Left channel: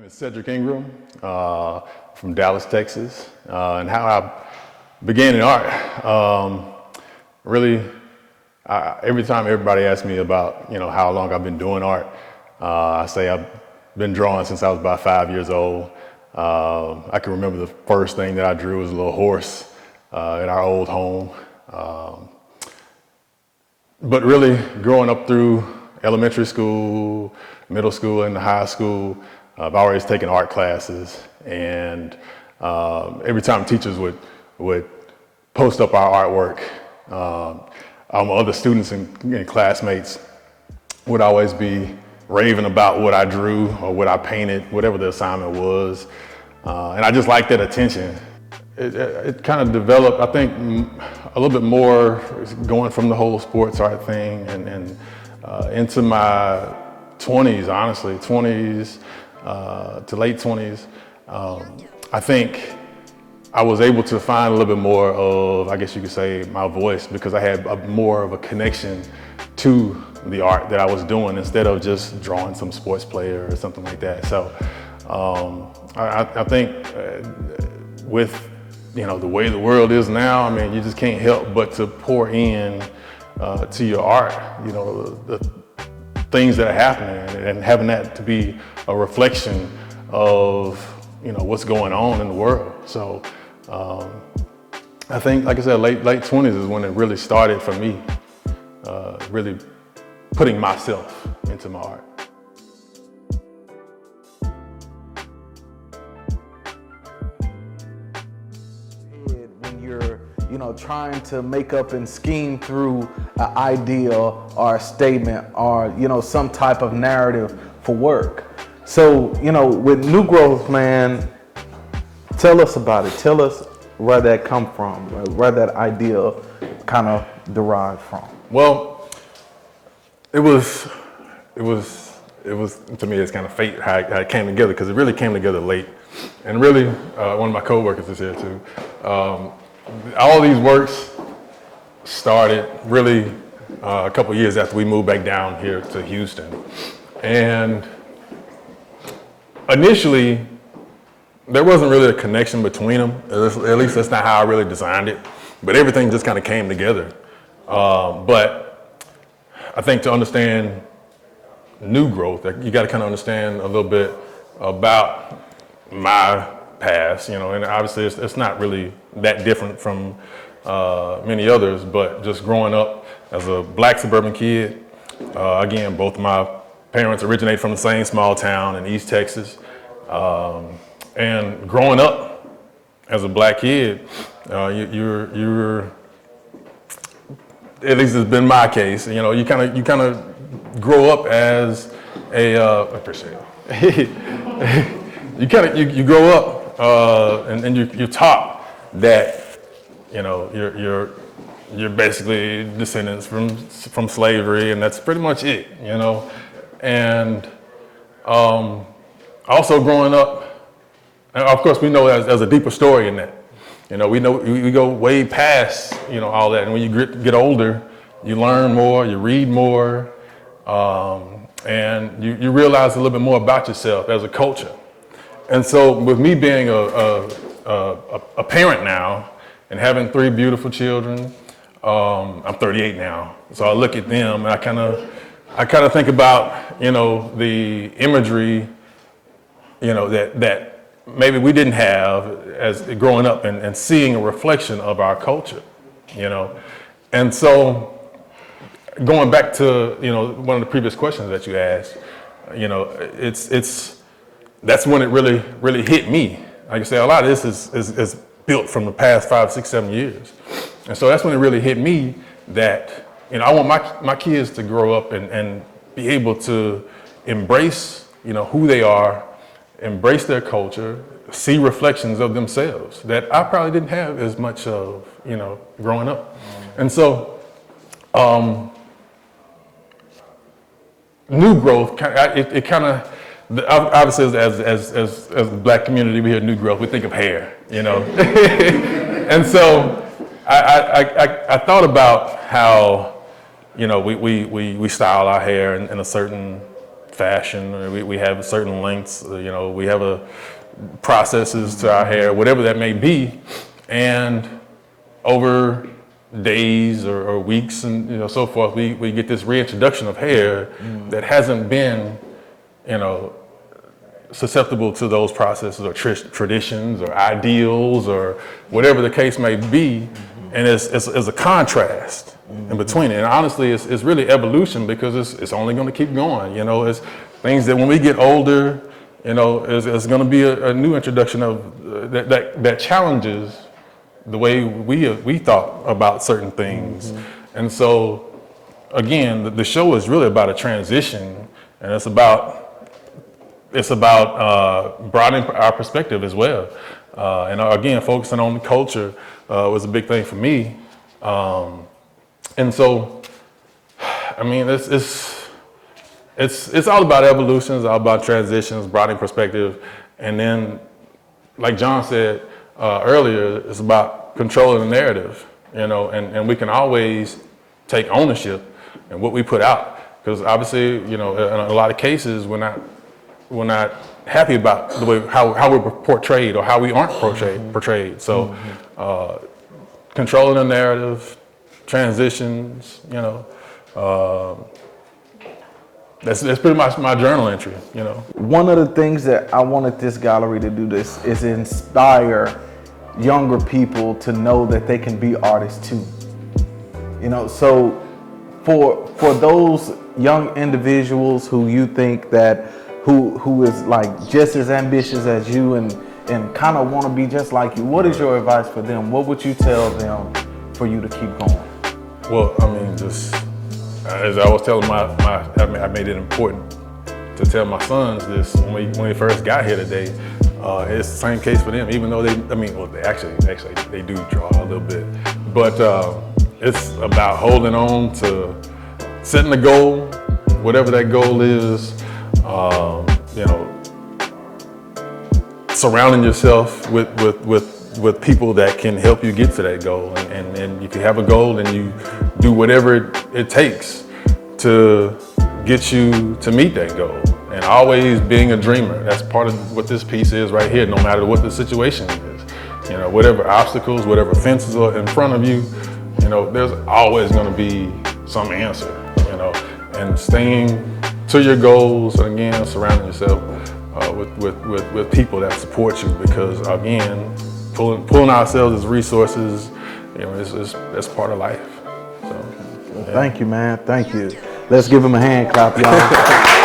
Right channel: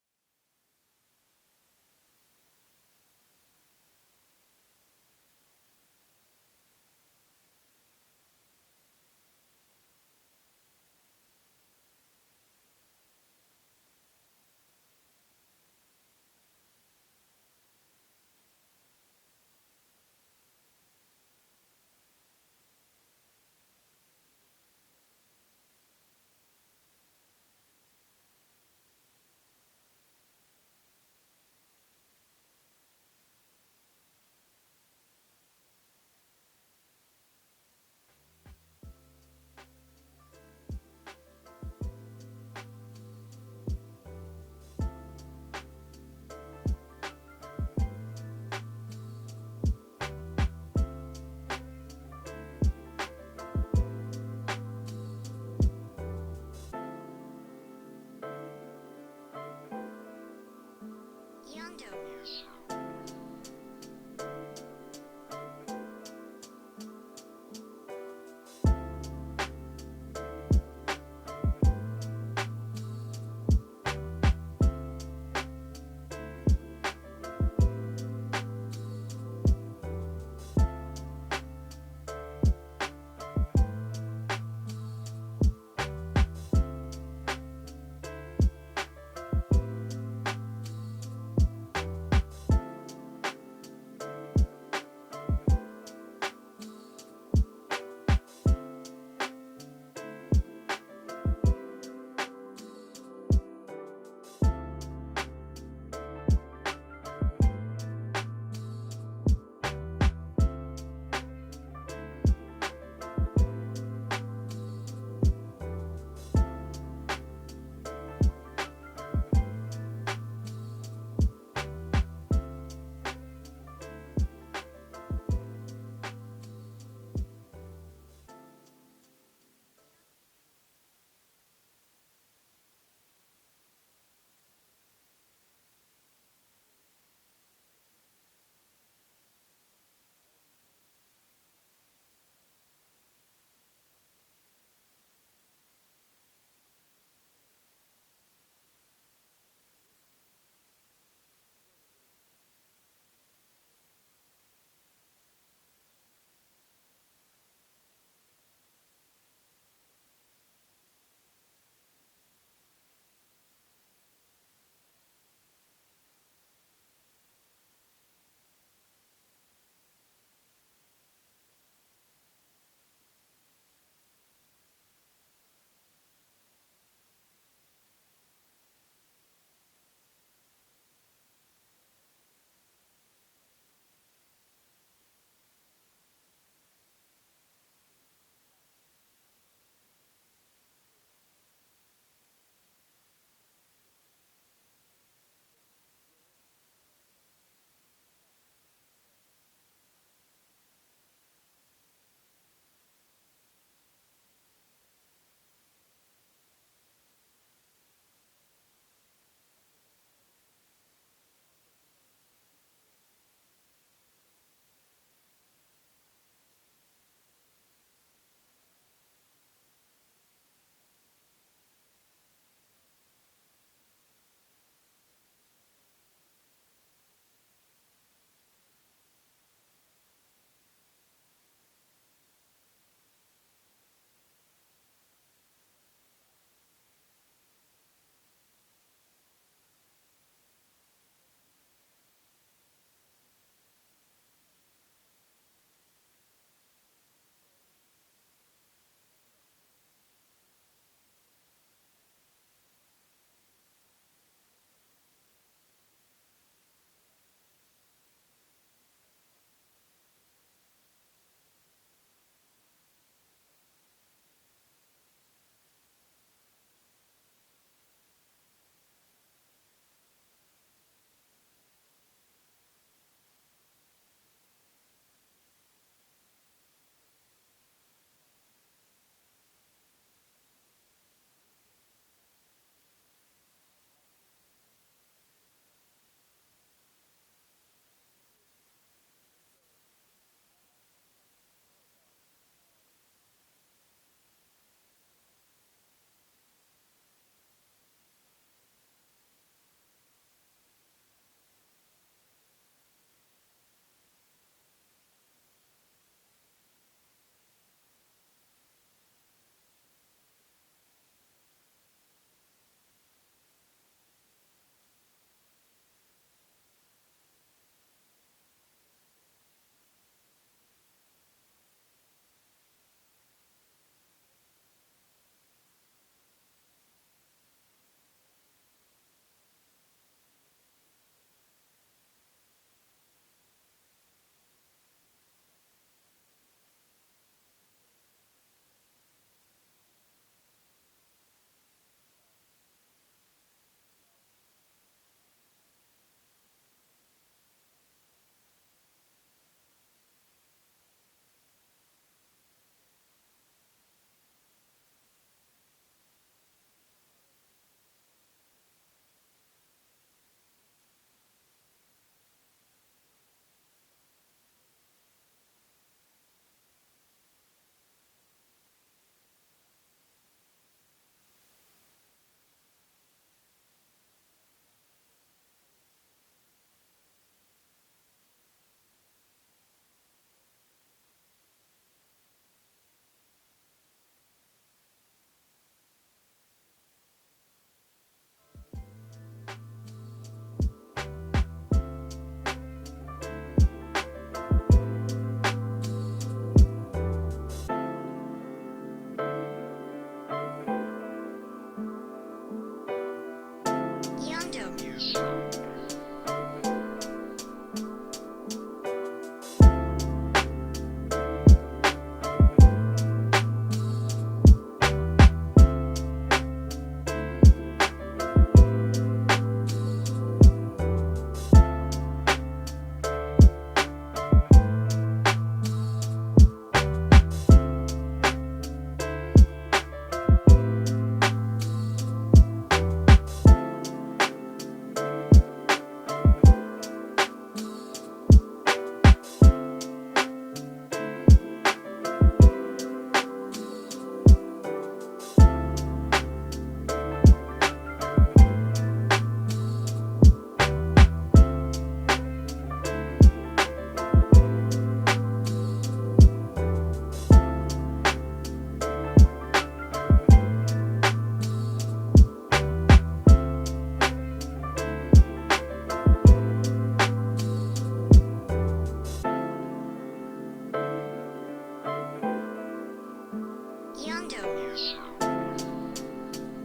name is Cedric Ingram from Dallas, Texas, and how I began in art. Really, every time everybody asks me about how long I've been doing art, I say I've been drawing since I was about 5 years old. I can remember the first thing that I drew was a little horse in our old home. But really, growing up through elementary school, middle school, and high school, I've always taken art classes, and every time teachers would post up our artwork, other students and classmates would always be raving about what I drew or what I painted, whatever the assignment was, and I just liked that attention. It kind of developed, I think, a little bit more going from the whole sports art thing and into my 20s, honestly, 20s to late 20s. I think I was able to find a little bit more of, I guess you could say, my voice, because I had more of a connection to the art that I was doing instead of just drawing some sports player or something like that. So I think with the way the world is now, I mean, you just can't help but to pour in to your art, the things that are happening, and having that to be a reflection of what's going on in the world. So I think, like I said, late 20s is when it really started for me, really putting myself into my art. Trying to make up and scheme through an idea or a statement or some type of narrative for work. So with New Growth, man, tell us about it. Tell us where that come from, where that idea kind of derived from. Well, it was to me, it's kind of fate how it came together, because it really came together late, and really one of my coworkers is here too. All these works started really a couple years after we moved back down here to Houston. And initially, there wasn't really a connection between them. At least that's not how I really designed it. But everything just kind of came together. But I think to understand New Growth, you got to kind of understand a little bit about my past, and obviously it's not really that different from many others, but just growing up as a black suburban kid, again, both of my parents originate from the same small town in East Texas, and growing up as a black kid, you're at least it's been my case, you kind of grow up as a, I appreciate it. you grow up and you're taught that you're basically descendants from slavery, and that's pretty much it, And also growing up, and of course we know there's a deeper story in that. We go way past all that, and when you get older, you learn more, you read more, and you realize a little bit more about yourself as a culture. And so with me being a parent now and having 3 beautiful children, I'm 38 now. So I look at them and I kind of think about, the imagery, that maybe we didn't have as growing up, and seeing a reflection of our culture, And so going back to, one of the previous questions that you asked, that's when it really hit me. Like I say, a lot of this is built from the past 5, 6, 7 years. And so that's when it really hit me that, I want my kids to grow up and be able to embrace, who they are, embrace their culture, see reflections of themselves that I probably didn't have as much of, growing up. And so, New Growth, it kind of, obviously, as the black community, we hear New Growth, we think of hair, And so I thought about how, we style our hair in a certain fashion. We have certain lengths. We have processes to our hair, whatever that may be, and over days or weeks and so forth, we get this reintroduction of hair that hasn't been, susceptible to those processes or traditions or ideals or whatever the case may be, and it's a contrast in between it. And honestly, it's really evolution, because it's only going to keep going. It's things that when we get older, it's going to be a new introduction of that challenges the way we thought about certain things. And so, again, the show is really about a transition, and it's about broadening our perspective as well. And again, focusing on the culture was a big thing for me. And so, I mean, it's all about evolution. It's all about transitions, broadening perspective, and then, like John said earlier, it's about controlling the narrative. And we can always take ownership in what we put out, because obviously, in a lot of cases, we're not happy about the way how we're portrayed or how we aren't portrayed. So, controlling the narrative, transitions, that's pretty much my journal entry. One of the things that I wanted this gallery to do this is inspire younger people to know that they can be artists too. So for those young individuals who you think that who is like just as ambitious as you and kind of want to be just like you, what is your advice for them? What would you tell them for you to keep going? Well, I mean, just as I was telling I made it important to tell my sons this when they first got here today. It's the same case for them, even though they actually they do draw a little bit, but it's about holding on to setting a goal, whatever that goal is. Surrounding yourself with people that can help you get to that goal, and if you have a goal, then you do whatever it takes to get you to meet that goal. And always being a dreamer. That's part of what this piece is right here, no matter what the situation is. Whatever obstacles, whatever fences are in front of you, there's always going to be some answer, and staying to your goals, and again, surrounding yourself with people that support you, because again, pulling ourselves as resources, that's part of life. So, Thank you, man. Thank you. Let's give him a hand clap, y'all.